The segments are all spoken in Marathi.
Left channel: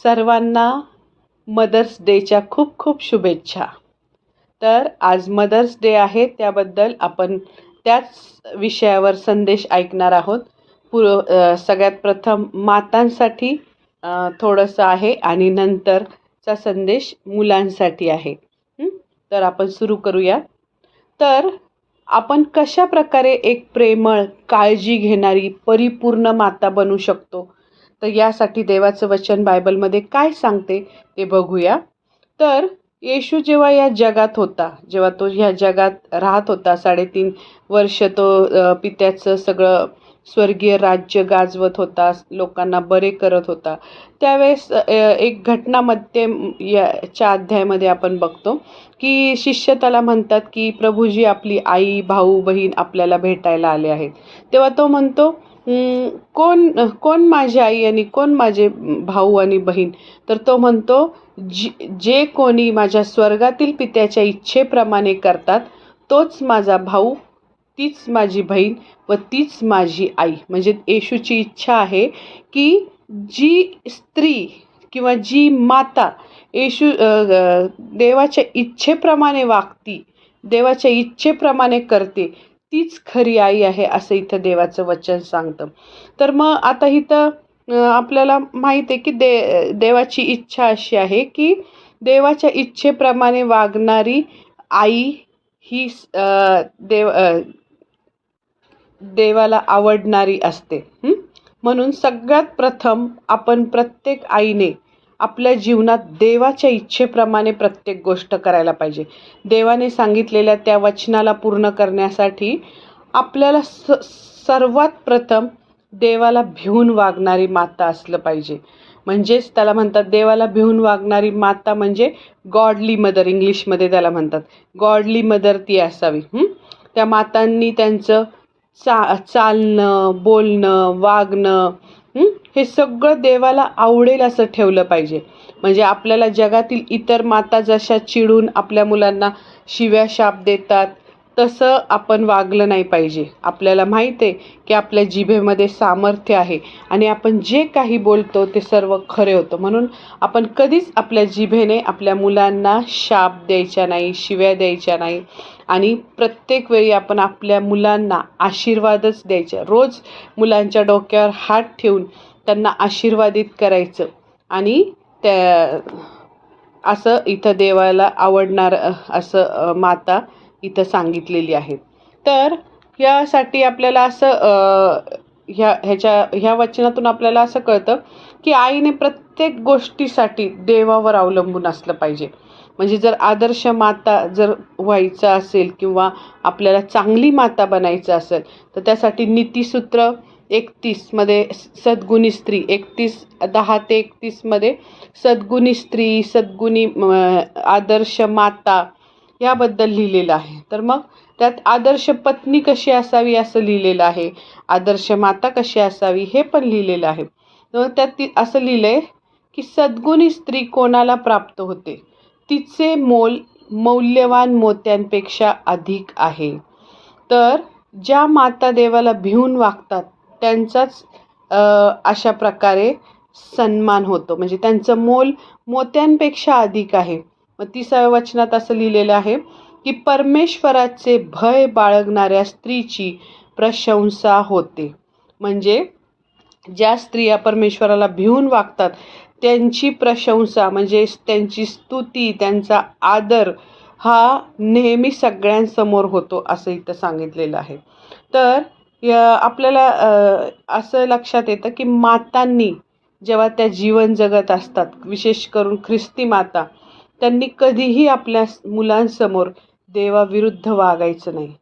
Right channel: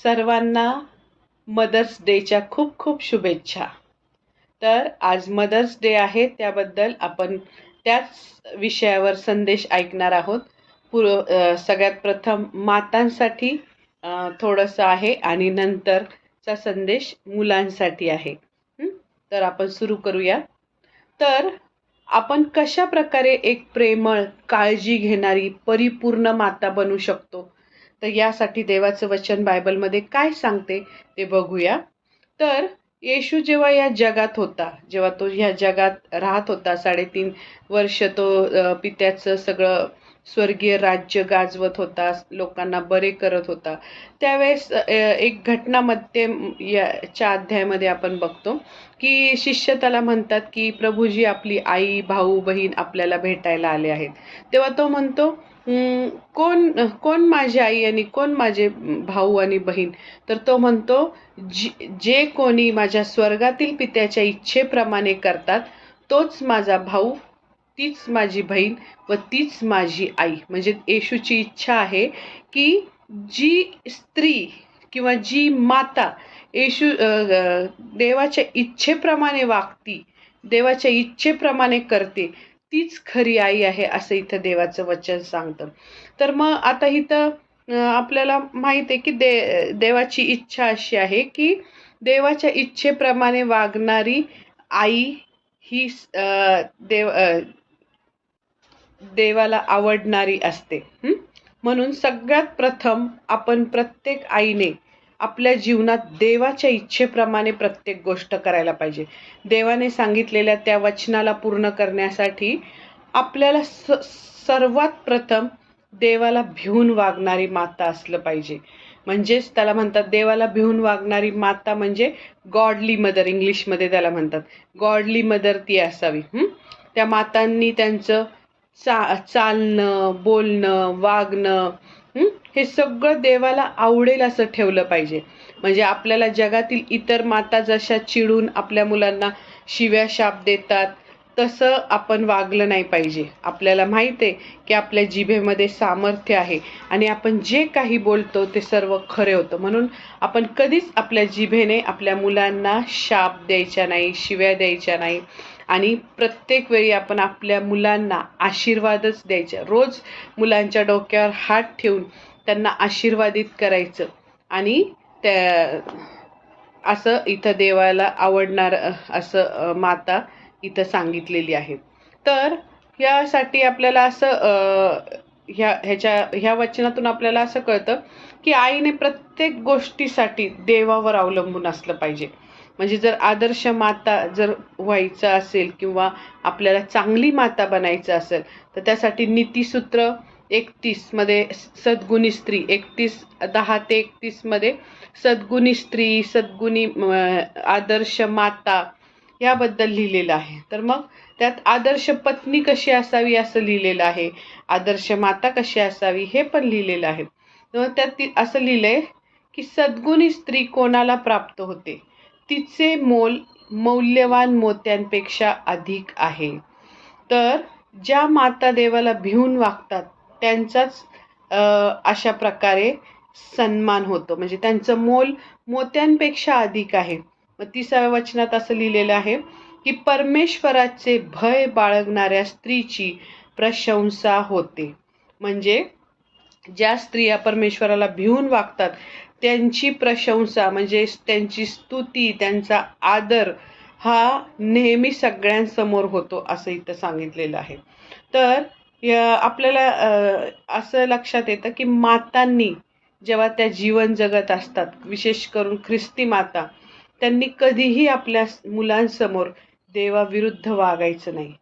सर्वांना मदर्स डेच्या खूप खूप शुभेच्छा. तर आज मदर्स डे आहे, त्याबद्दल आपण त्याच विषयावर संदेश ऐकणार आहोत. सगळ्यात प्रथम मातांसाठी थोडंसं आहे आणि नंतरचा संदेश मुलांसाठी आहे. तर आपण सुरू करूया. तर आपण कशा प्रकारे एक प्रेमळ, काळजी घेणारी, परिपूर्ण माता बनू शकतो? तर यासाठी देवाचं वचन बायबलमध्ये काय सांगते ते बघूया. तर येशू जेव्हा या जगात होता, जेव्हा तो ह्या जगात राहत होता, 3.5 वर्ष तो पित्याचं सगळं स्वर्गीय राज्य गाजवत होता, लोकांना बरे करत होता. त्यावेळेस एक घटनामध्ये याच्या अध्यायामध्ये आपण बघतो की शिष्य त्याला म्हणतात की प्रभूजी, आपली आई, भाऊ, बहीण आपल्याला भेटायला आले आहेत. तेव्हा तो म्हणतो, कोण कोण माझी आई आणि कोण माझे भाऊ आणि बहीण? तर तो म्हणतो, जे कोणी माझ्या स्वर्गातील पित्याच्या इच्छेप्रमाणे करतात तोच माझा भाऊ, तीच माझी बहीण व तीच माझी आई. म्हणजे येशूची इच्छा आहे की जी स्त्री किंवा जी माता येशू देवाच्या इच्छेप्रमाणे वागती, देवाच्या इच्छेप्रमाणे करते, तीच खरी आई आहे, असं इथं देवाचं वचन सांगतं. तर मग आता इथं आपल्याला माहित आहे की देवाची इच्छा अशी आहे की देवाच्या इच्छेप्रमाणे वागणारी आई ही देवाला आवडणारी असते. म्हणून सगळ्यात प्रथम आपण प्रत्येक आईने आपल्या जीवनात देवाच्या इच्छेप्रमाणे प्रत्येक गोष्ट करायला पाहिजे. देवाने सांगितलेल्या त्या वचनाला पूर्ण करण्यासाठी आपल्याला सर्वात प्रथम देवाला भिवून वागणारी माता असलं पाहिजे. म्हणजेच त्याला म्हणतात, देवाला भिवून वागणारी माता म्हणजे गॉडली मदर, इंग्लिशमध्ये त्याला म्हणतात. गॉडली मदर ती असावी. त्या मातांनी त्यांचं चालणं, बोलणं, वागणं हे सगळं देवाला आवडेल असं ठेवलं पाहिजे. म्हणजे आपल्याला जगातील इतर माता जशा चिडून आपल्या मुलांना शिव्या शाप देतात, तसं आपण वागलं नाही पाहिजे. आपल्याला माहिती आहे की आपल्या जिभेमध्ये सामर्थ्य आहे आणि आपण जे काही बोलतो ते सर्व खरे होतं. म्हणून आपण कधीच आपल्या जिभेने आपल्या मुलांना शाप द्यायचा नाही, शिव्या द्यायच्या नाही. आणि प्रत्येक वेळी आपण आपल्या मुलांना आशीर्वादच द्यायचा. रोज मुलांच्या डोक्यावर हात ठेवून त्यांना आशीर्वादित करायचं. आणि त्या असं इथं देवाला आवडणार असं माता इथं सांगितलेली आहे. तर यासाठी आपल्याला असं ह्या वचनातून आपल्याला असं कळतं की आईने प्रत्येक गोष्टीसाठी देवावर अवलंबून असलं पाहिजे. म्हणजे जर आदर्श माता जर व्हायचं असेल किंवा आपल्याला चांगली माता बनायचं असेल, तर त्यासाठी नीतिसूत्र 31 मध्ये सद्गुणी स्त्री, 10 ते 31 मध्ये सद्गुणी स्त्री, सद्गुणी आदर्श माता याबद्दल लिहिलेलं आहे. तर मग त्यात आदर्श पत्नी कशी असावी असं लिहिलेलं आहे, आदर्श माता कशी असावी हे पण लिहिलेलं आहे. तर त्यात असं लिहिलंय की सद्गुणी स्त्री कोणाला प्राप्त होते, तिचे मोल मौल्यवान मोत्यांपेक्षा अधिक आहे. तर ज्या माता देवाला भिवून वागतात त्यांचाच अशा प्रकारे सन्मान होतो. म्हणजे त्यांचं मोल मोत्यांपेक्षा अधिक आहे. मग 30व्या वचनात असं लिहिलेलं आहे की परमेश्वराचे भय बाळगणाऱ्या स्त्रीची प्रशंसा होते. म्हणजे ज्या स्त्रिया परमेश्वराला भिवून वागतात त्यांची प्रशंसा, म्हणजे त्यांची स्तुती, त्यांचा आदर हा नेहमी सगळ्यांसमोर होतो, असं इथं सांगितलेलं आहे. तर आपल्याला असं लक्षात येतं की मातांनी जेव्हा त्या जीवन जगत असतात, विशेष करून ख्रिस्ती माता, त्यांनी कधीही आपल्या मुलांसमोर देवाविरुद्ध वागायचं नाही.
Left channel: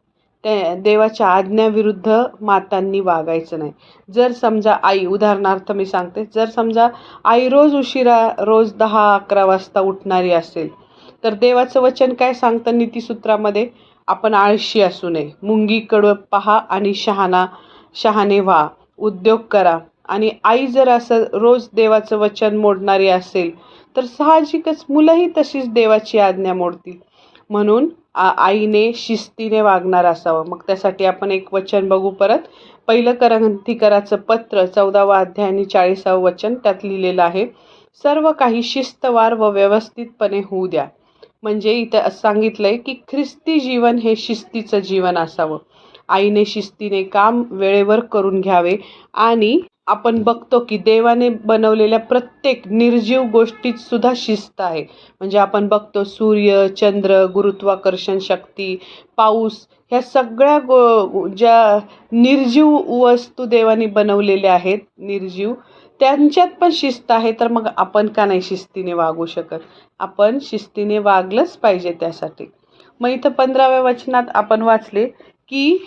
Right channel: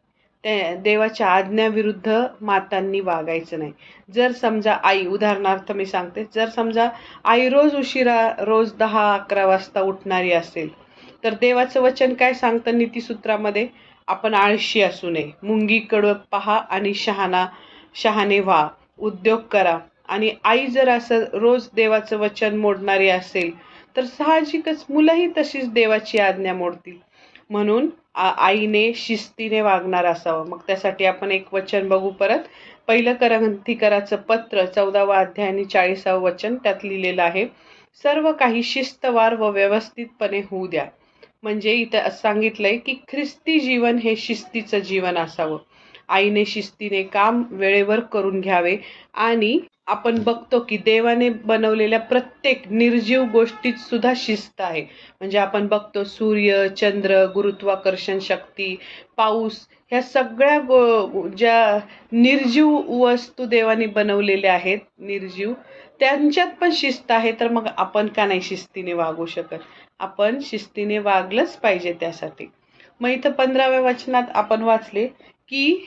त्या देवाच्या आज्ञाविरुद्ध मातांनी वागायचं नाही. जर समजा आई, उदाहरणार्थ मी सांगते, जर समजा आई रोज 10-11 वाजता उठणारी असेल, तर देवाचं वचन काय सांगतं नीतिसूत्रामध्ये, आपण आळशी असू नये, मुंगीकडे पहा आणि शहाणे व्हा, उद्योग करा. आणि आई जर असं रोज देवाचं वचन मोडणारी असेल, तर साहजिकच मुलंही तशीच देवाची आज्ञा मोडतील. म्हणून आईने शिस्तीने वागणार असावं. मग त्यासाठी आपण एक वचन बघू परत. 1 कोरिन्थीकराचं पत्र 14वा अध्याय आणि 40वा वचन त्यात लिहिलेलं आहे. सर्व काही शिस्तवार व व्यवस्थितपणे होऊ द्या. म्हणजे इथं सांगितलंय की ख्रिस्ती जीवन हे शिस्तीचं जीवन असावं. आईने शिस्तीने काम वेळेवर करून घ्यावे आणि आपण बघतो की देवाने बनवलेल्या प्रत्येक निर्जीव गोष्टीत सुद्धा शिस्त आहे. म्हणजे आपण बघतो सूर्य, चंद्र, गुरुत्वाकर्षण शक्ती, पाऊस, ह्या सगळ्या ज्या निर्जीव वस्तू देवाने बनवलेल्या आहेत, निर्जीव, त्यांच्यात पण शिस्त आहे. तर मग आपण का नाही शिस्तीने वागू शकत? आपण शिस्तीने वागलंच पाहिजे त्यासाठी. मग इथं 15व्या वचनात आपण वाचले की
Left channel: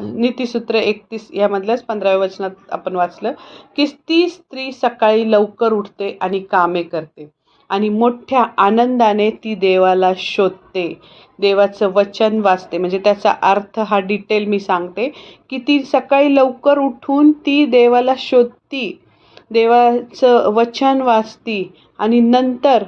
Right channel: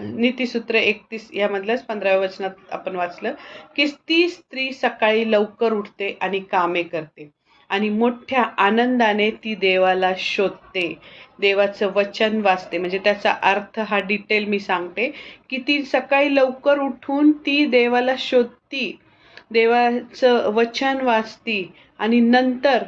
नीतिसूत्र 31 यामधल्याच 15व्या वचनात आपण वाचलं की ती स्त्री सकाळी लवकर उठते आणि कामे करते आणि मोठ्या आनंदाने ती देवाला शोधते, देवाचं वचन वाचते. म्हणजे त्याचा अर्थ हा डिटेल मी सांगते की ती सकाळी लवकर उठून ती देवाला शोधती, देवाचं वचन वाचती आणि नंतर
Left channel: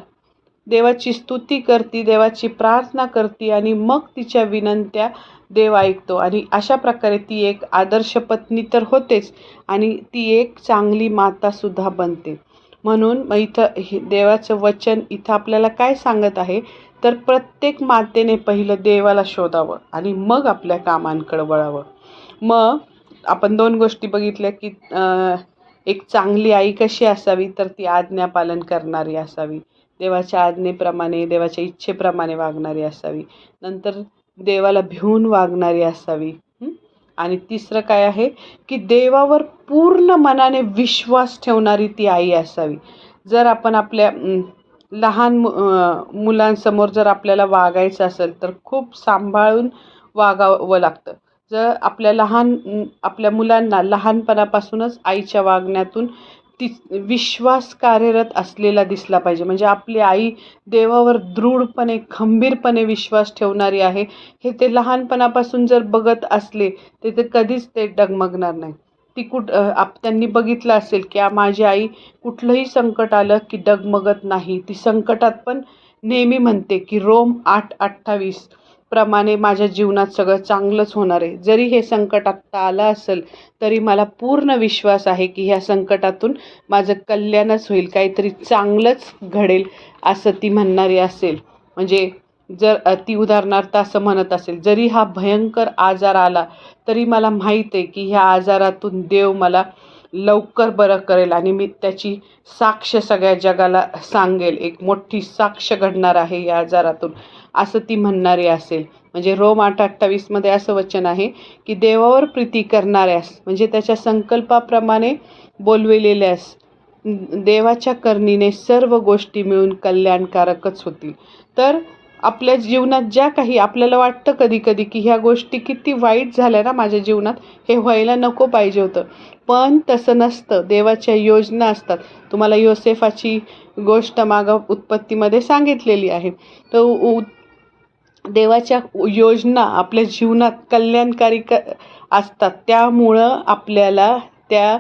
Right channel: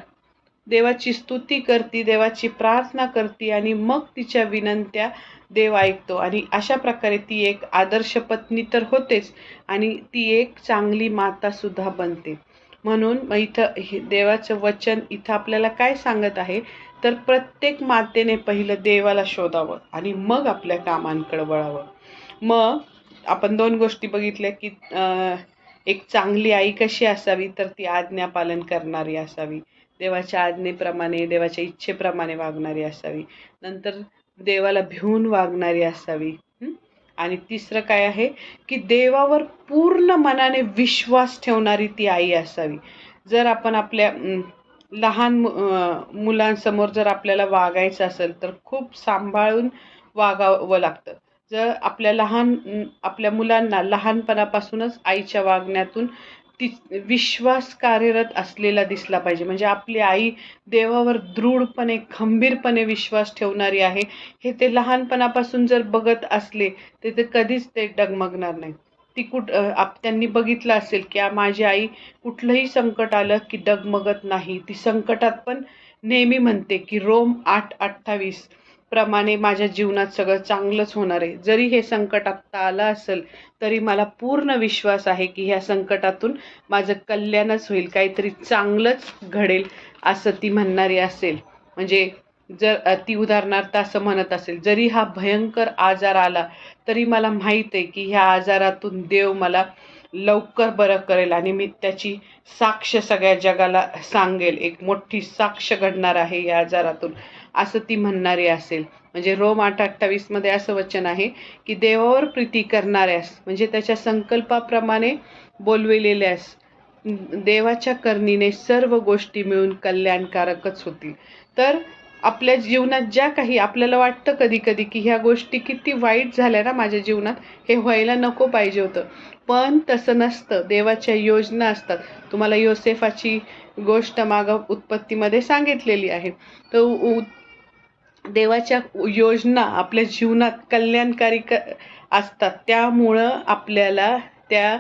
देवाची स्तुती करती, देवाची प्रार्थना करती आणि मग तिच्या विनंत्या देव ऐकतो. आणि अशा प्रकारे ती एक आदर्श पत्नी तर होतेच आणि ती एक चांगली माता सुद्धा बनते. म्हणून मग इथं देवाचं वचन इथं आपल्याला काय सांगत आहे, तर प्रत्येक मातेने पहिलं देवाला शोधावं आणि मग आपल्या कामांकडे वळावं. मग आपण 2 गोष्टी बघितल्या की एक चांगली आई कशी असावी, तर ती आज्ञा पालन करणारी असावी, देवाच्या आज्ञेप्रमाणे, देवाच्या इच्छेप्रमाणे वागणारी असावी. नंतर देवाला भिवून वागणारी असावी. आणि तिसरं काय आहे की देवावर पूर्ण मनाने विश्वास ठेवणारी ती आई असावी. जर आपण आपल्या लहान मुलांसमोर जर आपल्याला वागायचं असेल तर खूप सांभाळून वागावं लागतं. जर आपल्या मुलांना लहानपणापासूनच आईच्या वागण्यातून ती विश्वास कार्यरत असलेला दिसला पाहिजे. म्हणजे आपली आई देवावर दृढपणे, खंबीरपणे विश्वास ठेवणारी आहे, हे ते लहानपणापासून जर बघत असले तर ते कधीच ते डगमगणार नाही. ती त्यांनी बघितलं असेल की माझी आई कुठलंही संकट आलं की डगमगत नाही. ती संकटात पण नेहमी म्हणते की रोम 8:28 प्रमाणे माझ्या जीवनात सगळं चांगलंच होणार आहे. जरी हे संकट आत्ता आलं असेल तरी मला पूर्ण विश्वास आहे की ह्या संकटातून माझं कल्याणच होईल, काहीतरी चांगलंच घडेल, असं ती म्हणणारी असेल. म्हणजे जर ती उदाहरणार्थ असं म्हणत असेल, जरी हा भयंकर आजार आला तरी मला माहीत आहे की ह्या आजारातून देव मला लवकर बरं करेल आणि मी त्याची साक्ष सगळ्या जगाला सांगेल, एक मोठी साक्ष घडणार आहे या आजारातून, असं ती म्हणणारी असेल. म्हणजे रोम 8:28 मध्ये असं वचन आहे की देवावर प्रीती करणाऱ्यास, म्हणजे त्याच्या संकल्पाप्रमाणे बोलविलेल्यास देवाच्या करणीने सर्व गोष्टी मिळून कल्याणकारकच होतील. तर आपल्या जीवनात ज्या काही आपल्याला वाटतं कधी कधी की ह्या गोष्टी किती वाईट झाल्या ना माझ्या जीवनात, हे व्हायला नको पाहिजे होतं, पण तसं नसतं. देवाच्या योजना असतात. तुम्हाला योसेफाची गोष्ट मागं उत्पत्तीमध्ये सांगितलेली आहे. तर देवाच्या योजना आपल्या जीवनात कल्याणकारी असतात. त्यामुळं आपल्याला त्या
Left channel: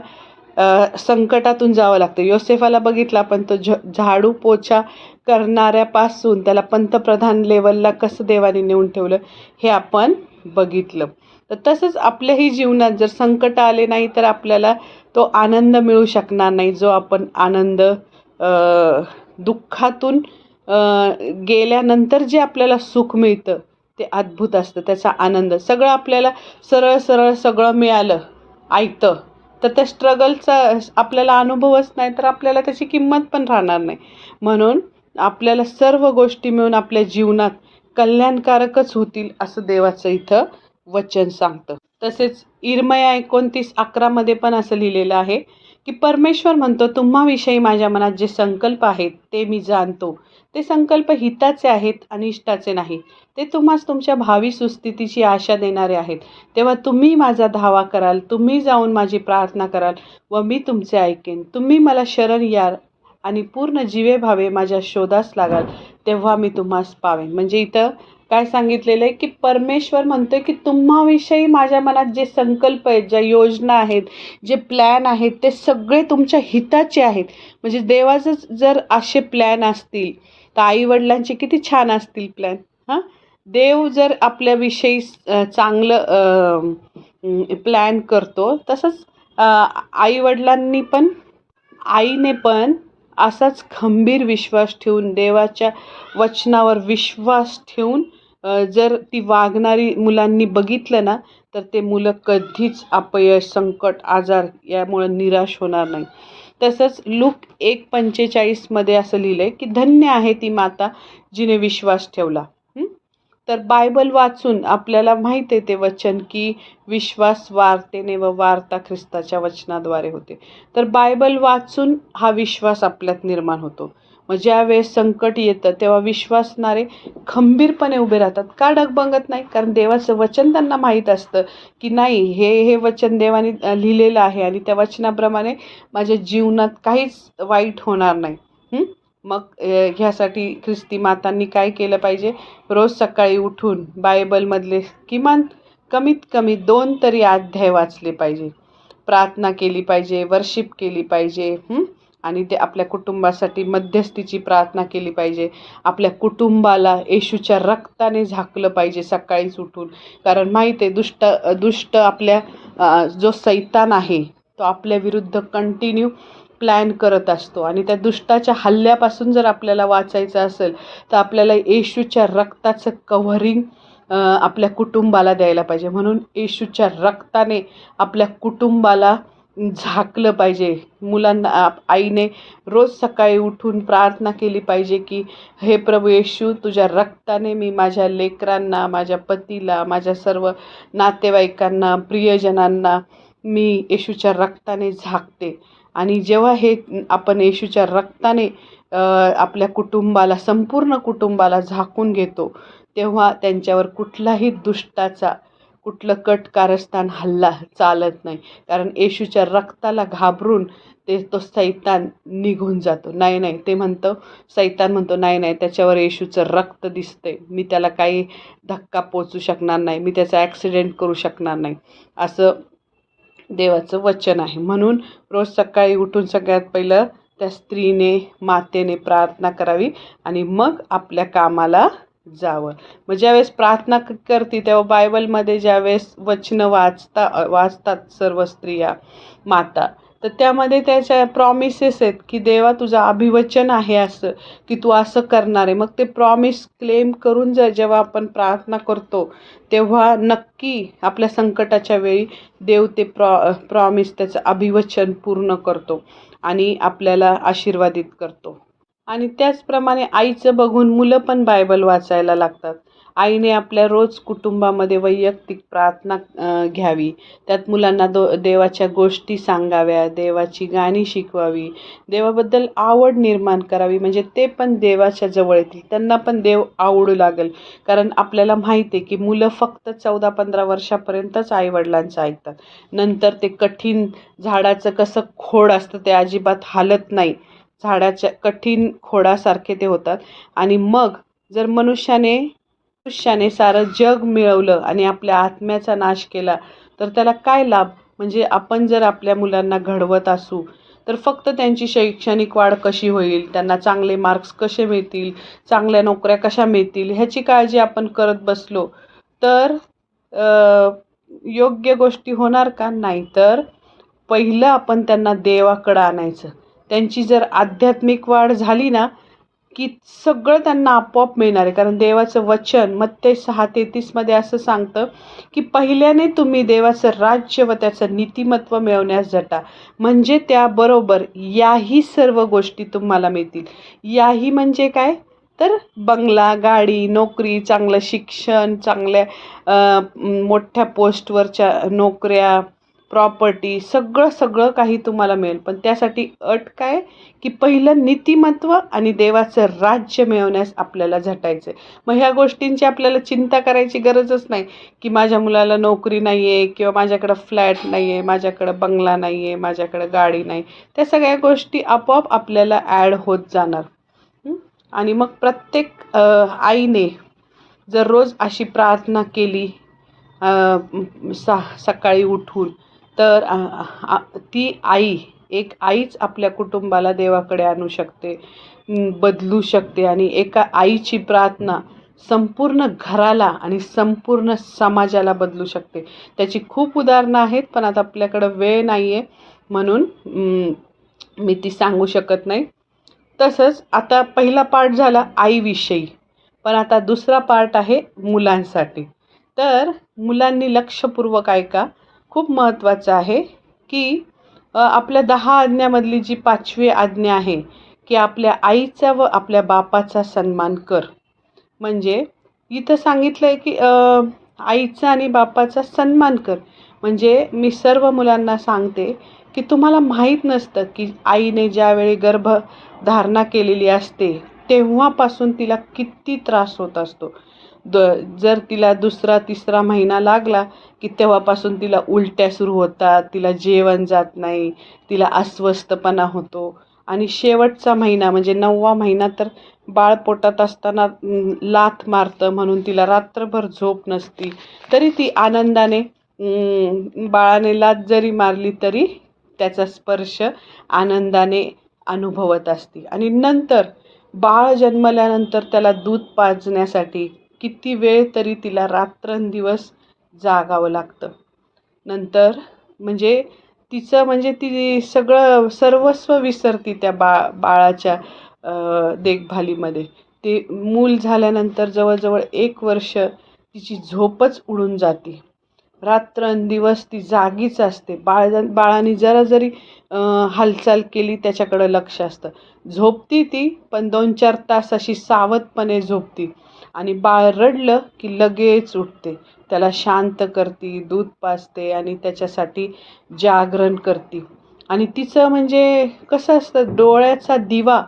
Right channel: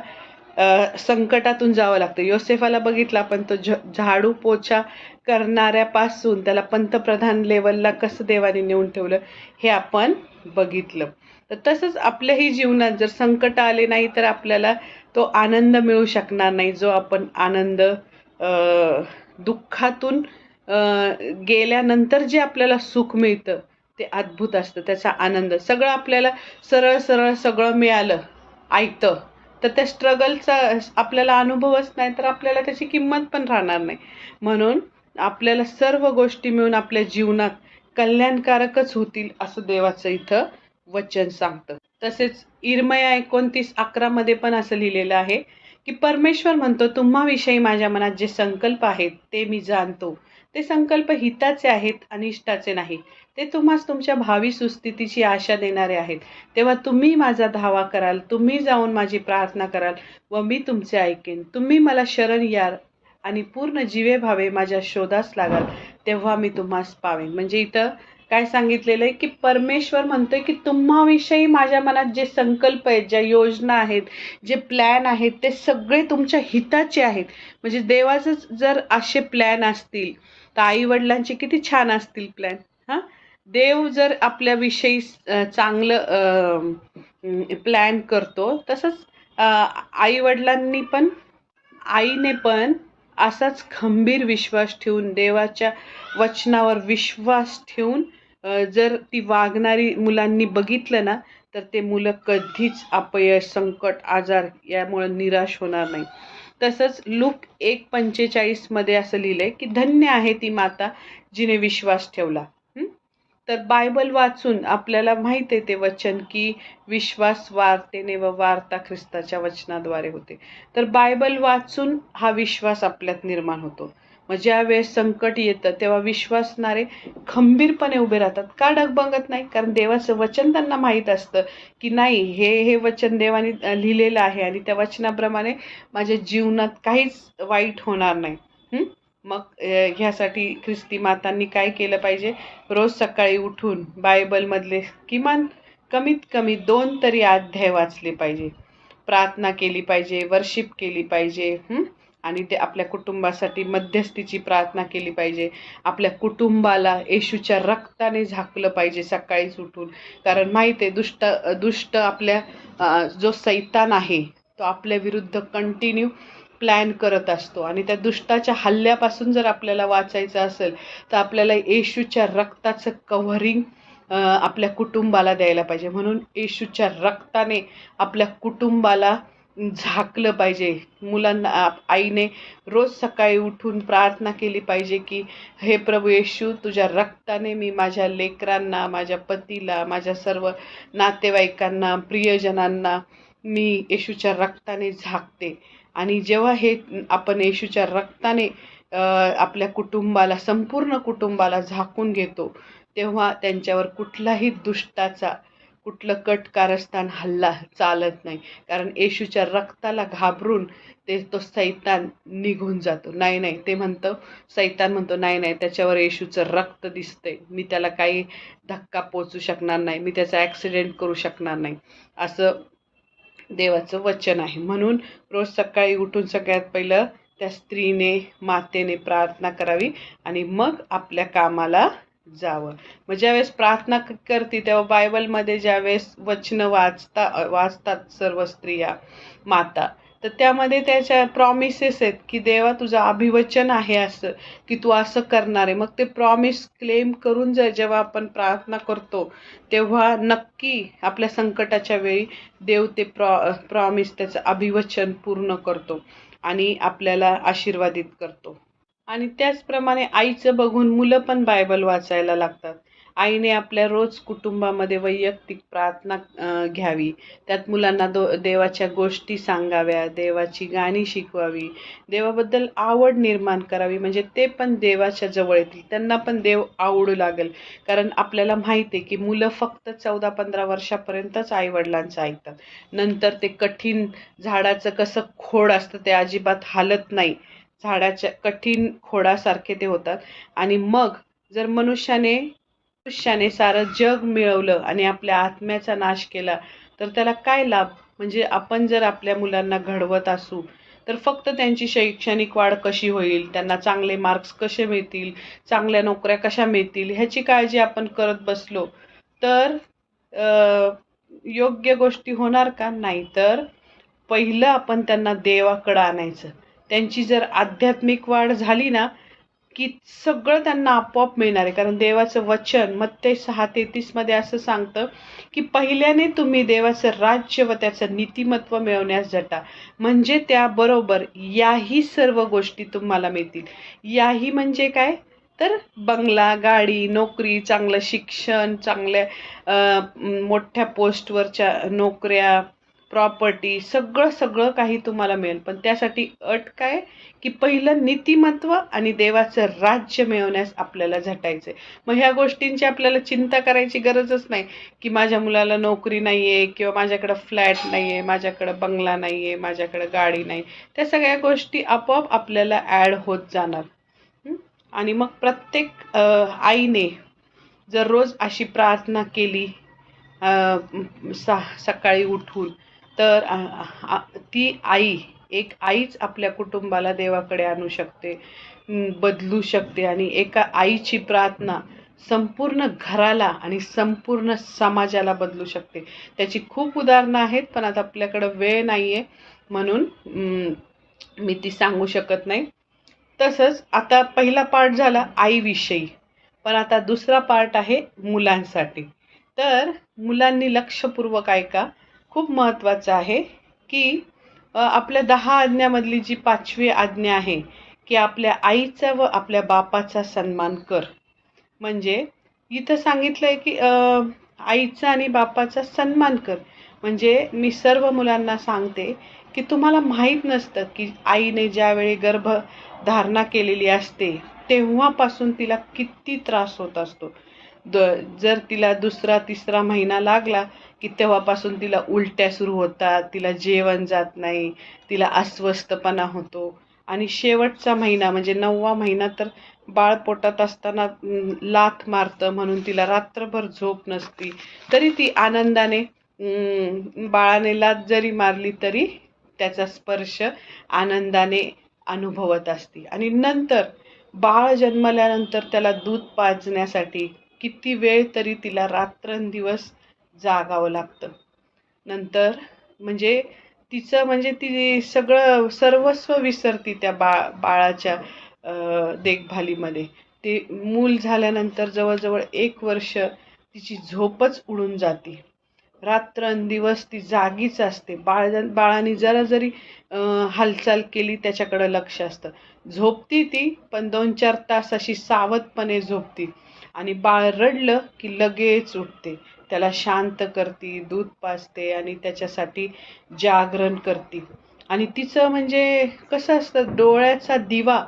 संकटातून जावं लागतं. योसेफाला बघितलं आपण, तो झाडू पोछा करणाऱ्यापासून त्याला पंतप्रधान लेवलला कसं देवाने नेऊन ठेवलं हे आपण बघितलं. तर तसंच आपल्याही जीवनात जर संकट आले नाही तर आपल्याला तो आनंद मिळू शकणार नाही, जो आपण आनंद दुःखातून गेल्यानंतर जे आपल्याला सुख मिळतं ते अद्भुत असतं. त्याचा आनंद सगळं आपल्याला सरळ सरळ सगळं मिळालं ऐकतं तर त्या स्ट्रगलचा आपल्याला अनुभवच नाही, तर आपल्याला त्याची किंमत पण राहणार नाही. म्हणून आपल्याला सर्व गोष्टी मिळून आपल्या जीवनात कल्याणकारकच होतील असं देवाचं इथं वचन सांगतं. तसेच इर्मया 29:11 मध्ये पण असं लिहिलेलं आहे की परमेश्वर म्हणतो, तुम्हाविषयी माझ्या मनात जे संकल्प आहेत ते मी जाणतो. ते संकल्प हिताचे आहेत, अनिष्टाचे नाही. ते तुम्हास तुमच्या भावी सुस्थितीची आशा देणारे आहेत. तेव्हा तुम्ही माझा धावा कराल, तुम्ही जाऊन माझी प्रार्थना कराल व मी तुमचे ऐकेन. तुम्ही मला शरण याल आणि पूर्ण जीवे भावे माझ्या शोधास लागाल, तेव्हा मी तुम्हास पावेन. म्हणजे इथं काय सांगितलेलं आहे की परमेश्वर म्हणतोय की तुम्हाविषयी माझ्या मनात जे संकल्प आहेत, ज्या योजना आहेत, जे प्लॅन आहेत, ते सगळे तुमच्या हिताचे आहेत. म्हणजे देवाचे जर असे प्लॅन असतील तर आई वडिलांचे किती छान असतील प्लॅन. देव जर आपल्याविषयी चांगलं प्लॅन करतो, तसंच आई वडिलांनी पण, आईने पण असाच खंबीर विश्वास ठेवून, देवाच्या वचनावर विश्वास ठेवून जर ती वागणारी मुलांनी बघितलं ना, तर ते मुलं कधीच अपयश, संकट, आजार यामुळे निराश होणार नाही. तसंच लूक 1:45 मध्ये असं लिहिलंय की धन्य आहे ती माता जिने विश्वास ठेवला. तर बायबल वाचून आपल्याला माहित आहे ते वचन की विश्वास वार्तेने व वार्ता ख्रिस्ताच्या वचनाद्वारे होते. तर बायबल वाचून हा विश्वास आपल्यात निर्माण होतो. मग ज्या वेळेस संकट येतं तेव्हा विश्वासणारे खंबीरपणे उभे राहतात. का डगमगत नाही? कारण देवाचं वचन त्यांना माहीत असतं की नाही, हे वचन देवाने लिहिलेलं आहे आणि त्या वचनाप्रमाणे माझ्या जीवनात काहीच वाईट होणार नाही. मग ह्यासाठी ख्रिस्ती मातांनी काय केलं पाहिजे? रोज सकाळी उठून बायबलमधले किमान कमीत कमी 2 तरी अध्याय वाचले पाहिजे, प्रार्थना केली पाहिजे, वर्शिप केली पाहिजे, आणि ते आपल्या कुटुंबासाठी मध्यस्थीची प्रार्थना केली पाहिजे. आपल्या कुटुंबाला येशूच्या रक्ताने झाकलं पाहिजे सकाळीच उठून. कारण माहीत आहे दुष्ट आपल्या जो सैतान आहे तो आपल्या विरुद्ध कंटिन्यू प्लॅन करत असतो आणि त्या दुष्टाच्या हल्ल्यापासून जर आपल्याला वाचायचं असेल तर आपल्याला येशूच्या रक्ताचं कव्हरिंग आपल्या कुटुंबाला द्यायला पाहिजे. म्हणून येशूच्या रक्ताने आपल्या कुटुंबाला झाकलं पाहिजे. मुलांना आईने रोज सकाळी उठून प्रार्थना केली पाहिजे की हे प्रभू येशू, तुझ्या रक्ताने मी माझ्या लेकरांना, माझ्या पतीला, माझ्या सर्व नातेवाईकांना, प्रियजनांना मी येशूच्या रक्ताने झाकते. आणि जेव्हा हे आपण येशूच्या रक्ताने आपल्या कुटुंबाला, संपूर्ण कुटुंबाला झाकून घेतो, तेव्हा त्यांच्यावर कुठलाही दुष्टाचा कुठलं कट कारस्थान हल्ला चालत नाही. कारण येशूच्या रक्ताला घाबरून तो सैतान निघून जातो. नाही ते म्हणतं, सैतान म्हणतो नाही त्याच्यावर येशूचं रक्त दिसतंय, मी त्याला काही धक्का पोचू शकणार नाही, मी त्याचा ॲक्सिडेंट करू शकणार नाही, असं देवाचं वचन आहे. म्हणून रोज सकाळी उठून सगळ्यात पहिलं त्या स्त्रीने, मातेने प्रार्थना करावी आणि मग आपल्या कामाला जावं. मग ज्यावेळेस प्रार्थना करते तेव्हा बायबलमध्ये ज्यावेळेस वचनं वाचतात सर्व स्त्रिया, माता, तर त्यामध्ये त्याच्या प्रॉमिसेस आहेत की देवा तुझं अभिवचन आहे असं की तू असं करणार आहे. मग ते प्रॉमिस क्लेम करून जेव्हा आपण प्रार्थना करतो तेव्हा नक्की आपल्या संकटाच्या वेळी देव ते प्रॉमिस, त्याचं अभिवचन पूर्ण करतो आणि आपल्याला आशीर्वादित करतो. आणि त्याचप्रमाणे आईचं बघून मुलं पण बायबल वाचायला लागतात. आईने आपल्या रोज कुटुंबामध्ये वैयक्तिक प्रार्थना घ्यावी. त्यात मुलांना देवाच्या गोष्टी सांगाव्या, देवाची गाणी शिकवावी, देवाबद्दल आवड निर्माण करावी. म्हणजे ते पण देवाच्या जवळ येतील, त्यांना पण देव आवडू लागेल. कारण आपल्याला माहिती आहे की मुलं फक्त 14-15 वर्षापर्यंतच आईवडिलांचं ऐकतात. नंतर ते कठीण झाडाचं कसं खोड असतं ते अजिबात हालत नाही, झाडाच्या कठीण खोडासारखे ते होतात. आणि मग जर मनुष्याने सारं जग मिळवलं आणि आपल्या आत्म्याचा नाश केला तर त्याला काय लाभ? म्हणजे आपण जर आपल्या मुलांना घडवत असू तर फक्त त्यांची शैक्षणिक वाढ कशी होईल, त्यांना चांगले मार्क्स कसे मिळतील, चांगल्या नोकऱ्या कशा मिळतील ह्याची काळजी आपण करत बसलो तर योग्य गोष्टी होणार का? नाही. तर पहिलं आपण त्यांना देवाकडं आणायचं. त्यांची जर आध्यात्मिक वाढ झाली ना की सगळं त्यांना आपोआप मिळणार आहे. कारण देवाचं वचन मत्ते 6:33 मध्ये असं सांगतं की पहिल्याने तुम्ही देवाचं राज्य व त्याचं नीतिमत्व मिळवण्यास झटा, म्हणजे त्याबरोबर याही सर्व गोष्टी तुम्हाला मिळतील. याही म्हणजे काय? तर बंगला, गाडी, नोकरी, चांगलं शिक्षण, चांगल्या मोठ्या पोस्टवरच्या नोकऱ्या, प्रॉपर्टी, सगळं काही तुम्हाला मिळेल. पण त्यासाठी अट काय? की पहिलं नीतिमत्व आणि देवाचं राज्य मिळवण्यास आपल्याला झटायचं. मग ह्या गोष्टींची आपल्याला चिंता करायची गरजच नाही की माझ्या मुलाला नोकरी नाही आहे किंवा माझ्याकडं फ्लॅट नाही आहे, माझ्याकडं बंगला नाही आहे, माझ्याकडं गाडी नाही. त्या सगळ्या गोष्टी आपोआप आपल्याला ॲड होत जाणार. आणि मग प्रत्येक आईने जर रोज अशी प्रार्थना केली सकाळी उठून तर ती एक आईच आपल्या कुटुंबाला देवाकडे आणू शकते, बदलू शकते. आणि एका आईची प्रार्थना संपूर्ण घराला आणि संपूर्ण समाजाला बदलू शकते. त्याची खूप उदाहरणं आहेत पण आता आपल्याकडं वेळ नाही आहे म्हणून मी ती सांगू शकत नाही. तसंच आता पहिला पार्ट झाला आईविषयी, पण आता दुसरा पार्ट आहे मुलांसाठी. तर मुलांनी लक्षपूर्वक ऐका, खूप महत्त्वाचं आहे की आपल्या 10 आज्ञामधली जी 5वी आज्ञा आहे की आपल्या आईचा व आपल्या बापाचा सन्मान कर. म्हणजे इथं सांगितलंय की आईचा आणि बापाचा सन्मान कर. म्हणजे मी सर्व मुलांना सांगते की तुम्हाला माहीत नसतं की आईने ज्यावेळी गर्भधारणा केलेली असते तेव्हापासून तिला किती त्रास होत असतो. द जर तिला दुसरा तिसरा महिना लागला की तेव्हापासून तिला उलट्या सुरू होतात, तिला जेवण जात नाही, तिला अस्वस्थपणा होतो आणि शेवटचा महिना म्हणजे 9वा महिना तर बाळ पोटात असताना लाथ मारतं म्हणून तिला रात्रभर झोप नसती. तरी ती आनंदाने बाळाने लाथ जरी मारली तरी त्याचा स्पर्श आनंदाने अनुभवत असते. आणि नंतर बाळ जन्मल्यानंतर त्याला दूध पाजण्यासाठी किती वेळ तरी तिला रात्रंदिवस जागावं लागतं. नंतर म्हणजे तिचं म्हणजे ती सगळं सर्वस्व विसरती त्या बाळाच्या देखभालीमध्ये. ते मूल झाल्यानंतर जवळजवळ 1 वर्ष तिची झोपच उडून जाते. रात्रंदिवस ती जागीच असते. बाळाने जरा जरी हालचाल केली त्याच्याकडं लक्ष असतं. झोपती ती, पण 2-4 तास अशी सावधपणे झोपती आणि बाळ रडलं की लगेच उठते. त्याला शांत करते, दूध पाजते आणि त्याच्यासाठी जागरण करते. आणि तिचं म्हणजे कसं असतं, डोळ्याचा दिवा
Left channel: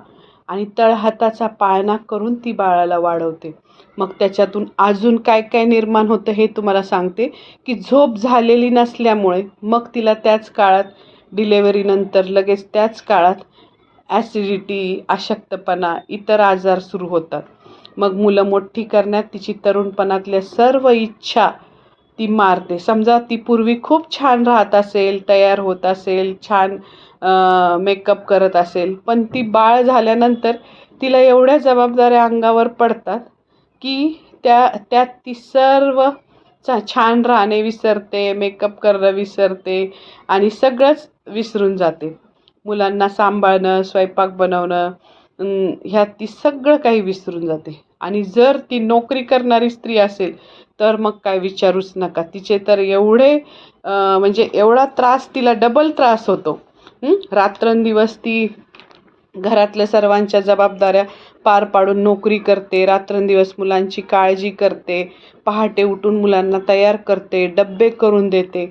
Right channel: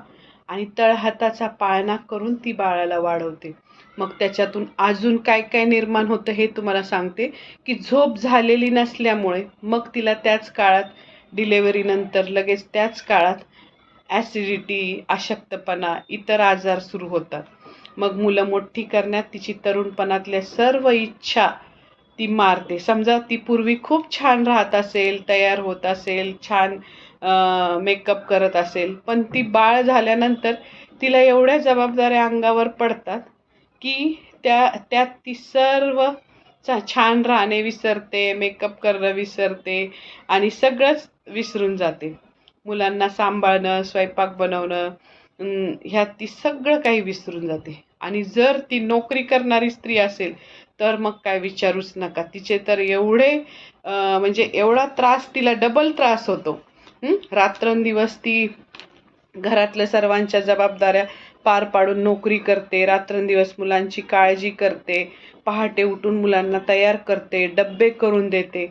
आणि तळहाताचा पाळणा करून ती बाळाला वाढवते. मग त्याच्यातून अजून काय काय निर्माण होतं हे तुम्हाला सांगते की झोप झालेली नसल्यामुळे मग तिला त्याच काळात डिलेव्हरीनंतर लगेच त्याच काळात ॲसिडिटी, अशक्तपणा, इतर आजार सुरू होतात. मग मुलं मोठी करण्यात तिची तरुणपणातल्या सर्व इच्छा ती मारते. समजा ती पूर्वी खूप छान राहत असेल, तयार होत असेल, छान मेकअप करत असेल, पण ती बाळ झाल्यानंतर तिला एवढ्या जबाबदाऱ्या अंगावर पडतात की त्यात ती सर्व छान राहणे विसरते, मेकअप करणं विसरते आणि सगळंच विसरून जाते. मुलांना सांभाळणं, स्वयंपाक बनवणं, ह्यात ती सगळं काही विसरून जाते. आणि जर ती नोकरी करणारी स्त्री असेल तर मग काय विचारूच नका. तिचे तर एवढे म्हणजे एवढा त्रास, तिला डबल त्रास होतो. रात्रंदिवस ती घरातल्या सर्वांच्या जबाबदाऱ्या पार पाडून नोकरी करते, रात्रंदिवस मुलांची काळजी करते, पहाटे उठून मुलांना तयार करते, डब्बे करून देते,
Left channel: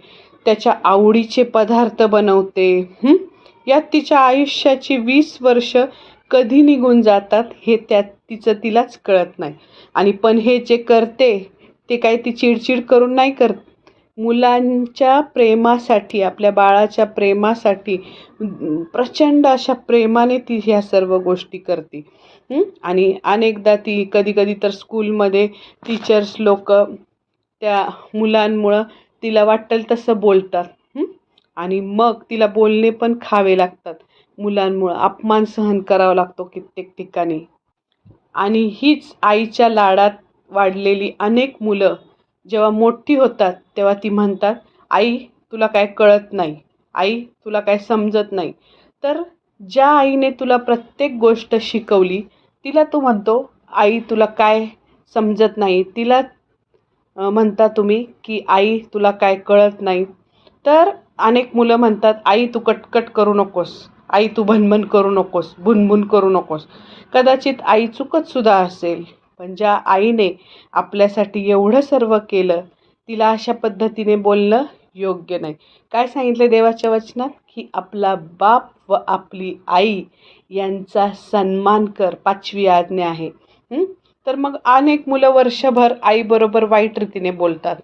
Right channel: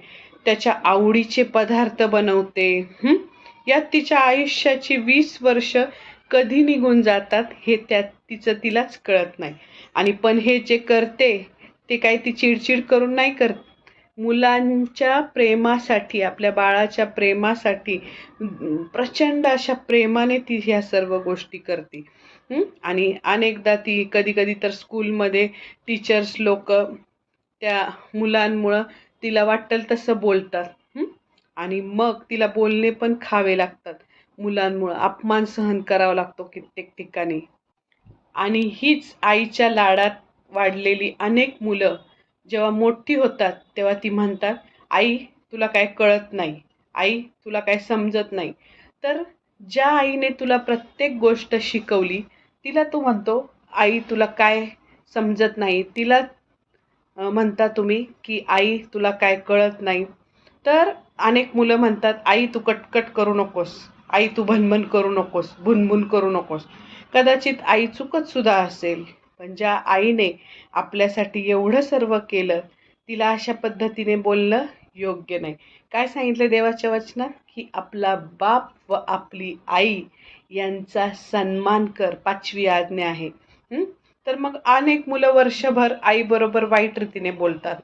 त्याच्या आवडीचे पदार्थ बनवते. यात तिच्या आयुष्याची 20 वर्ष कधी निघून जातात हे त्यात तिलाच कळत नाही. आणि पण हे जे करते ते काही ती चिडचिड करून नाही करत. मुलांच्या प्रेमासाठी, आपल्या बाळाच्या प्रेमासाठी प्रचंड अशा प्रेमाने ती ह्या सर्व गोष्टी करते. आणि अनेकदा ती कधी-कधी तर स्कूलमध्ये टीचर्स लोक त्या मुलांमुळं तिला वाटेल तसं बोलतात. आणि मग तिला बोलणे पण खावे लागतात. मुलांमुळं अपमान सहन करावा लागतो कित्येक ठिकाणी. आणि हीच आईच्या लाडात वाढलेली अनेक मुलं जेव्हा मोठी होतात तेव्हा ती म्हणतात, आई तुला काय कळत नाही, आई तुला काय समजत नाही. तर ज्या आईने तुला प्रत्येक गोष्ट शिकवली तिला तू म्हणतो आई तुला काय समजत नाही. तिला म्हणता तुम्ही की आई तुला काय कळत नाही. तर अनेक मुलं म्हणतात, आई तू कटकट करू नकोस, आई तू भनभन करू नकोस, भुनभुन करू नकोस. कदाचित आई चुकत सुद्धा असेल, पण ज्या आईने आपल्यासाठी एवढं सर्व केलं तिला अशा पद्धतीने बोलणं योग्य नाही. काय सांगितलं देवाच्या वचनात की आपला बाप व आपली आई यांचा सन्मान कर, 5वी आज्ञा आहे. तर मग अनेक मुलं वर्षभर आईबरोबर वाईट रीतीने बोलतात,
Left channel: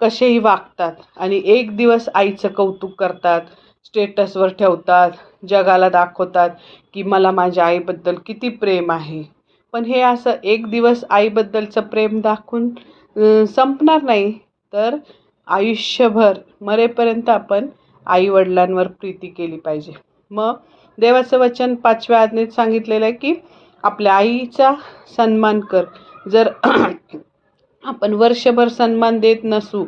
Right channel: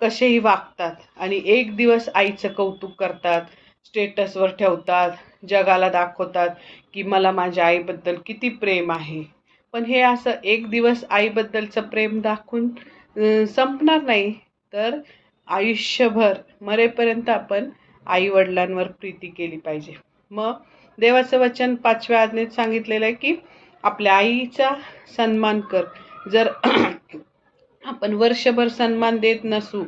कसेही वागतात आणि एक दिवस आईचं कौतुक करतात, स्टेटसवर ठेवतात, जगाला दाखवतात की मला माझ्या आईबद्दल किती प्रेम आहे. पण हे असं एक दिवस आईबद्दलचं प्रेम दाखवून संपणार नाही. तर आयुष्यभर मरेपर्यंत आपण आईवडिलांवर प्रीती केली पाहिजे. मग देवाचं वचन 5व्या आज्ञेत सांगितलेलं आहे की आपल्या आईचा सन्मान कर. जर आपण वर्षभर सन्मान देत नसू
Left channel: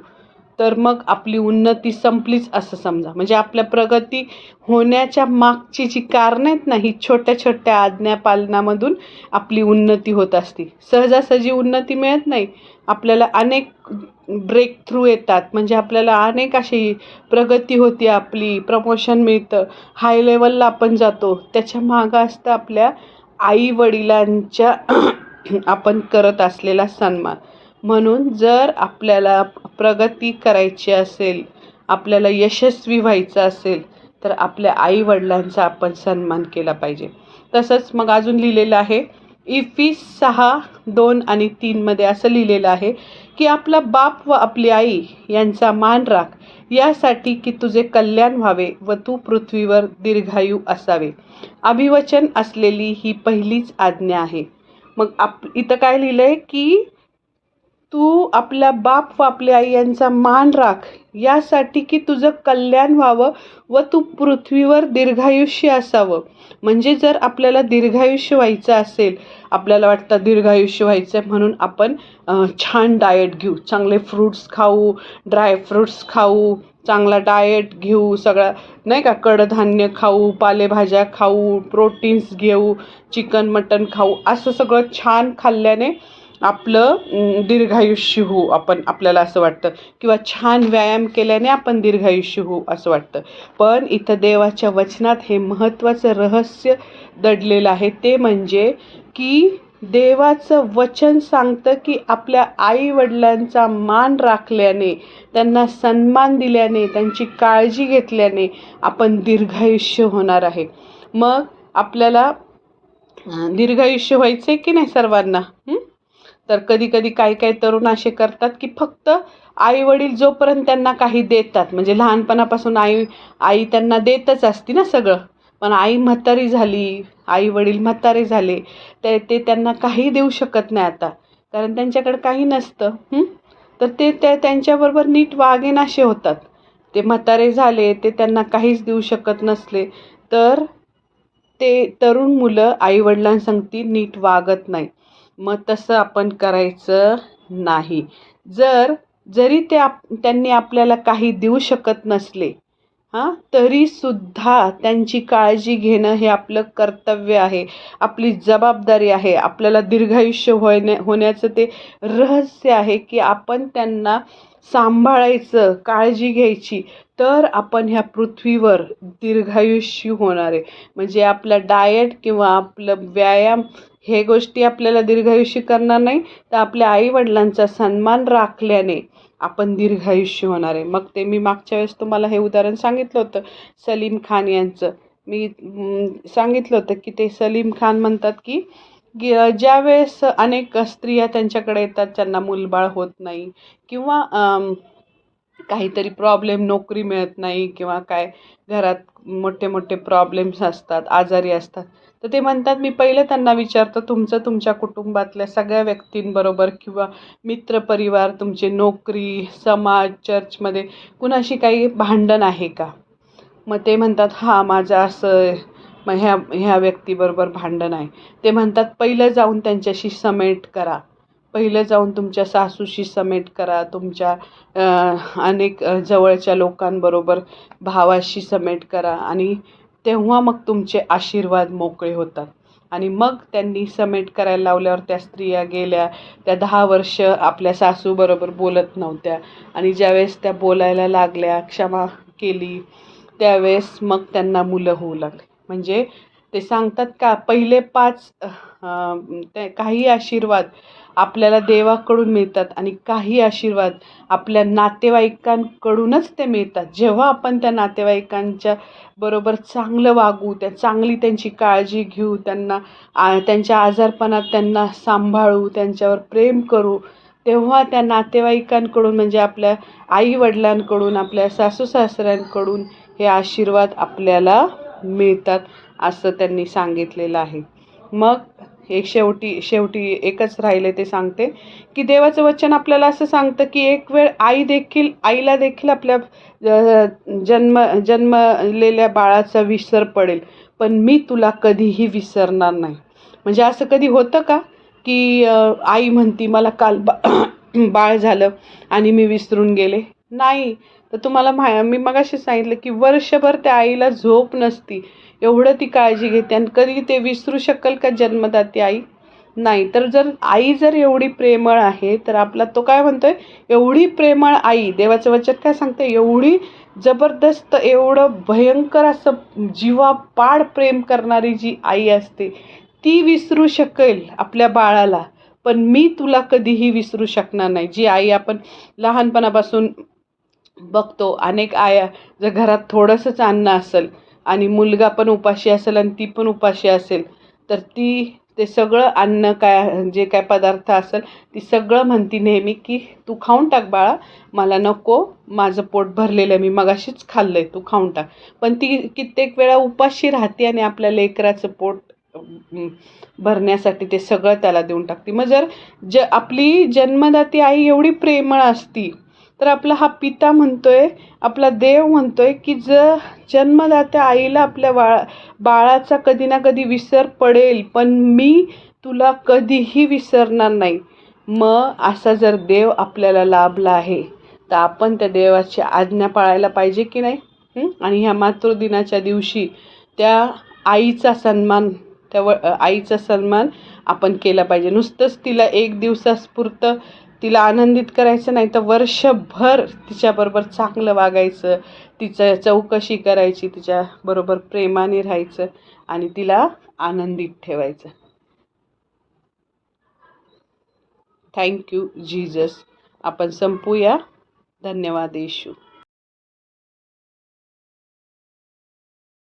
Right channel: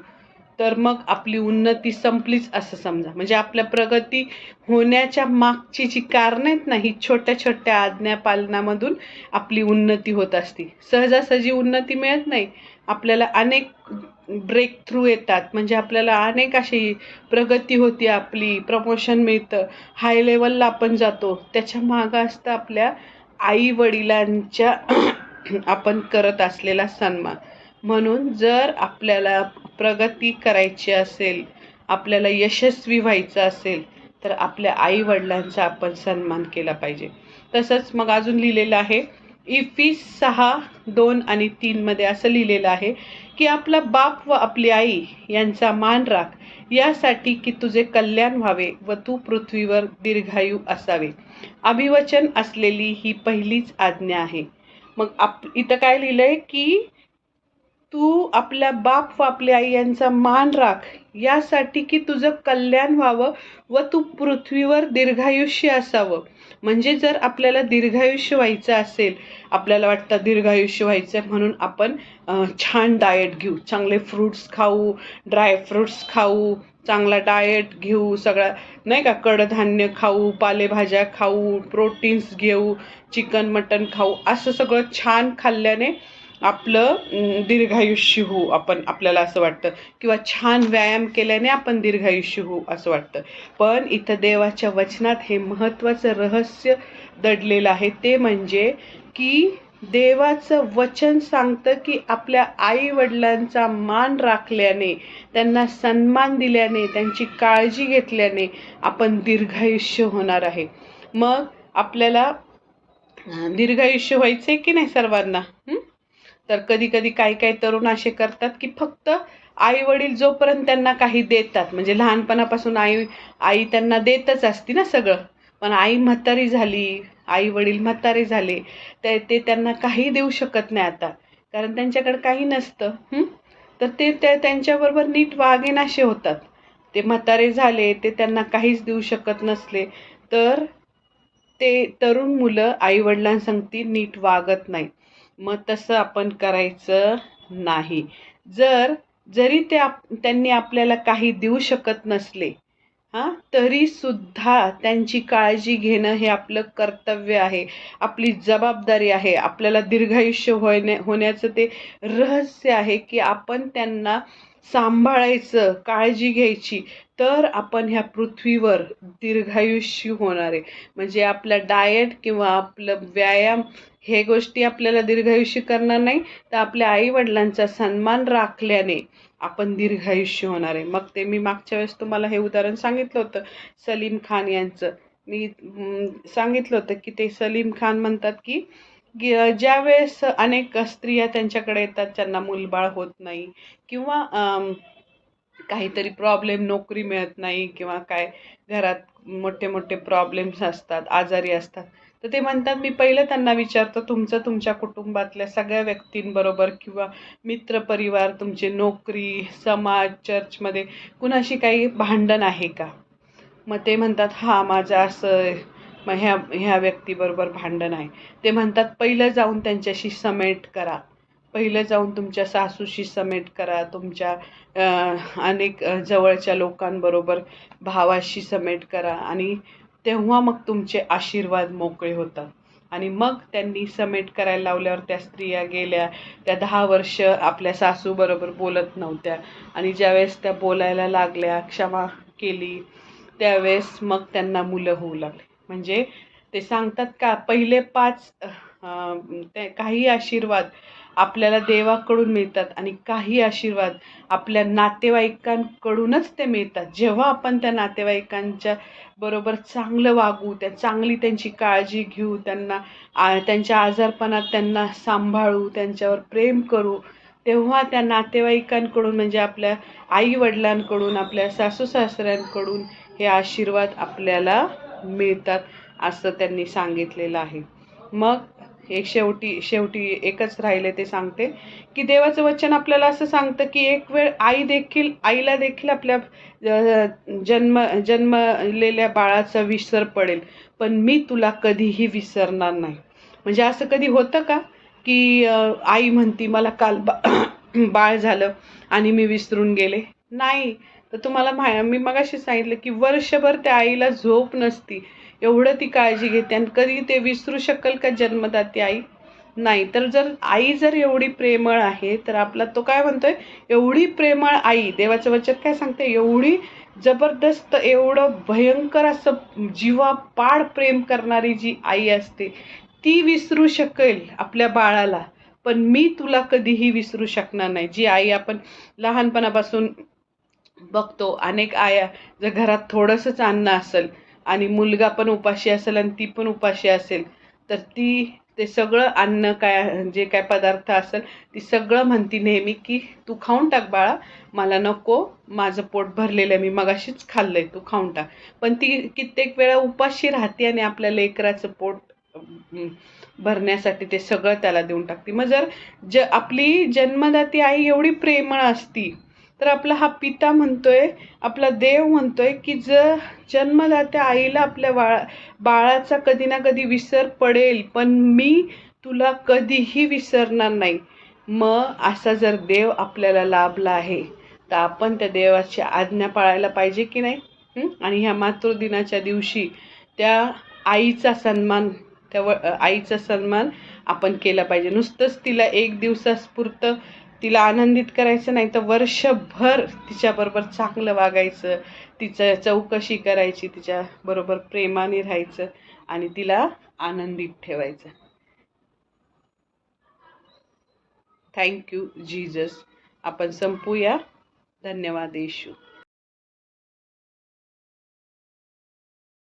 तर मग आपली उन्नती संपलीच असं समजा. म्हणजे आपल्या प्रगती होण्याच्या मागची जी कारणं आहेत ना, ही छोट्या छोट्या आज्ञापालनामधून आपली उन्नती होत असते. सहजासहजी उन्नती मिळत नाही. आपल्याला अनेक ब्रेक थ्रू येतात. म्हणजे आपल्याला अनेक अशी प्रगती होती, आपली प्रमोशन मिळतं, हाय लेवलला आपण जातो. त्याच्या मागं असतं आपल्या आई वडिलांच्या आपण करत असलेला सन्मान. म्हणून जर आपल्याला प्रगती करायची असेल, आपल्याला यशस्वी व्हायचं असेल, तर आपल्या आई वडिलांचा आपण सन्मान केला पाहिजे. तसंच मग अजून लिहिलेलं आहे इफिस 6:2 आणि 3 मध्ये असं लिहिलेलं आहे की आपला बाप व आपली आई यांचा मान राख, यासाठी की तुझे कल्याण व्हावे व तू पृथ्वीवर दीर्घायू असावे. अभिवचन असलेली ही पहिलीच आज्ञा आहे. मग इथं काय लिहिलंय की तू आपल्या बाप व आपल्या आई यांचा मान राख, यासाठी की तुझं कल्याण व्हावं व तू पृथ्वीवर दीर्घायुष्य असावं. म्हणजे जर आपल्याला दीर्घायुष्य व्हायचं असेल, आपल्याला वाटतं दीर्घायुष्य व्हायचं म्हणून आपण छान डाएट घेऊ, चांगले फ्रूट्स खाऊ, ड्राय फ्रूट्स खाऊ, चांगला डाएट घेऊ, सगळं नाही का, कडधान्य खाऊ, पालेभाज्या खाऊ, प्रोटीन्स घेऊ, चिकन मटन खाऊ, असं सगळं छान खाल्ल्याने आपलं दीर्घायुष्य होऊ आपण, आपल्याला असं वाटतं. किंवा छान व्यायाम केल्याने आपण दीर्घायुष्य होऊ असं वाटतं. पण इथं देवाच्या वचनात हे महत्त्वाचं रहस्य दडलेलं आहे. ते म्हणजे की देवाचं वचन सांगतं की आपल्या आई वडिलांचा मान राखल्याने, त्यांना सन्मान दिल्याने, त्यांची काळजी घेतल्याने आपण दीर्घायुष्य होणार आहे. मग आपल्याला दीर्घायुष्य व्हायचंय की नाही सर्वांना? तर कधी कधी काही काही तरुण असे करतात की फक्त आई वडील जोपर्यंत त्यांना काही देतात, म्हणजे लहानपणापासून आई आई त्यांना देतच असती ना सगळं, पण आई म्हातारी झाली, आई वडील म्हातारे झाले, ते त्यांना काही देऊ शकत नाही आता, कारण त्यांच्याकडे काही नसतं. तर ते त्यांच्याबरोबर नीट वागेनासे होतात. ते म्हातारे झाले, ते त्यांना काहीच देऊ शकत नसले, तर ते तरुण मुलं आई वडिलांसंगती नीट वागत नाही. मग तसं आपण करायचं नाही. जरी त्यांनी आपल्याला काही देऊ शकत नसले, तरी सुद्धा त्यांची काळजी घेणं हे आपलं कर्तव्य आहे, आपली जबाबदारी आहे. आपल्याला दीर्घायुष्य होण्याचं ते रहस्य आहे की आपण त्यांना सांभाळायचं, काळजी घ्यायची, तर आपण ह्या पृथ्वीवर दीर्घायुष्य होणार आहे. म्हणजे आपला डाएट किंवा आपलं व्यायाम हे गोष्टी आपल्याला दीर्घायुष्य करणार नाही, तर आपल्या आई वडिलांचा सन्मान राखल्याने आपण दीर्घायुष्य होणार आहे. मग ते मी मागच्या वेळेस तुम्हाला हे उदाहरण सांगितलं होतं सलीम खान यांचं. मी सांगितलं होतं की ते सलीम खान म्हणतात की ज्या वेळेस अनेक स्त्रिया त्यांच्याकडे येतात, त्यांना मूलबाळ होत नाही किंवा काहीतरी प्रॉब्लेम, नोकरी मिळत नाही किंवा काय घरात मोठे मोठे प्रॉब्लेम्स असतात, आजारी असतात, तर ते म्हणतात मी पहिलं त्यांना विचारतो तुमच्या कुटुंबातल्या सगळ्या व्यक्तींबरोबर किंवा मित्रपरिवार, तुमची नोकरी, समाज, चर्चमध्ये कुणाशी काही भांडण आहे का? मग ते म्हणतात हां माझं असं, मग ह्या व्यक्तीबरोबर भांडण आहे. ते म्हणतात पहिलं जाऊन त्यांच्याशी समेट करा, पहिलं जाऊन तुमच्या सासूशी समेट करा, तुमच्या अनेक जवळच्या लोकांबरोबर भावाशी समेट करा, आणि तेव्हा मग तुमचे आशीर्वाद मोकळे होतात. आणि मग त्यांनी समेट करायला लावल्यावर त्या स्त्रिया गेल्या. त्या 10 वर्ष आपल्या सासूबरोबर बोलत नव्हत्या, आणि ज्यावेळेस त्या बोलायला लागल्या, क्षमा केली, त्यावेळेस मग त्यांना मुलं होऊ लागली. म्हणजे ते सांगतात का पहिले 5 काही आशीर्वाद आपल्याला देवाकडून मिळतात आणि काही आशीर्वाद आपल्या नातेवाईकांकडूनच ते मिळतात. जेव्हा आपण त्या नातेवाईकांच्या बरोबर चांगलं वागू, चांगली त्यांची काळजी घेऊ, त्यांच्या आजारपणात त्यांना सांभाळू, त्यांच्यावर प्रेम करू, तेव्हा त्या नातेवाईकांकडून म्हणजे आपल्या आई वडिलांकडून, आपल्या सासू सासऱ्यांकडून हे आशीर्वाद आपल्याला मिळतात असं त्यांनी सांगितलेलं आहे. मग शेवटी एकच राहिले ते सांगते की देवाचं वचन आपल्याला असं सांगतं की एक वेळ आईला देखील आपल्या जन्मलेल्या बाळाचा विसर पडेल, पण मी तुला कधीही विसरणार नाही. म्हणजे असं कधी होतं का की आई म्हणती मला काल बाळ झालं आणि मी विसरून गेले? नाही. तर तुम्हाला मी मगाशी सांगितलं की वर्षभर त्या आईला झोप नसती, एवढं ती काळजी घेते. आणि कधी ते विसरू शकेल का जन्मदाती आई? नाही. तर जर आई जर एवढी प्रेमळ आहे, तर आपला तो काय म्हणतोय, एवढी प्रेमळ आई, देवाचं वचन काय सांगते, एवढी जबरदस्त, एवढं भयंकर असं जीवापाड प्रेम करणारी जी आई असते, ती विसरू शकेल आपल्या बाळाला. पण मी तुला कधीही विसरू शकणार नाही. जी आई आपण लहानपणापासून बघतो, अनेक आया, जर घरात थोडंसंच अन्न असेल आणि मुलगा पण उपाशी असेल आणि ती पण उपाशी असेल, तर ती ते सगळं अन्न काय, जे काय पदार्थ असेल, ती सगळं म्हणती नेहमी की तू खाऊन टाक बाळा, मला नको, माझं पोट भरलेलं आहे, मी मगाशीच खाल्लंय, तू खाऊन टाक. पण ती कित्येक वेळा उपाशी राहते आणि आपल्या लेकराचं पोट भरण्यासाठी ते सगळं त्याला देऊन टाकते. मग जर आपली जन्मदाती आई एवढी प्रेमळ असती, तर आपला हा पिता म्हणतोय, आपला देव म्हणतोय की जर जन्मदात्या आईला आपल्या बाळाचा कधी ना कधी विसर पडेल, पण मी तुला कधीही विसरणार नाही. मग असा जर देव आपल्याला लाभला आहे, तर आपण त्या देवाची आज्ञा पाळायला पाहिजे की नाही? आणि ह्या मातृदिनाच्या दिवशी त्या आईचा सन्मान, आईचा सन्मान आपण केला पाहिजे. नुसतंच तिला एक दिवसापुरतं तिला आनंदित करायचं नाही, तर वर्षभर तिच्याबरोबर चांगलं वागायचं, तिचं चौकशी करायची, तिच्याबरोबर प्रेमाने राहायचं आणि तिला आनंदित ठेवायचं. Thank you Jesus. आपण संपूया. धन्यवाद येशू.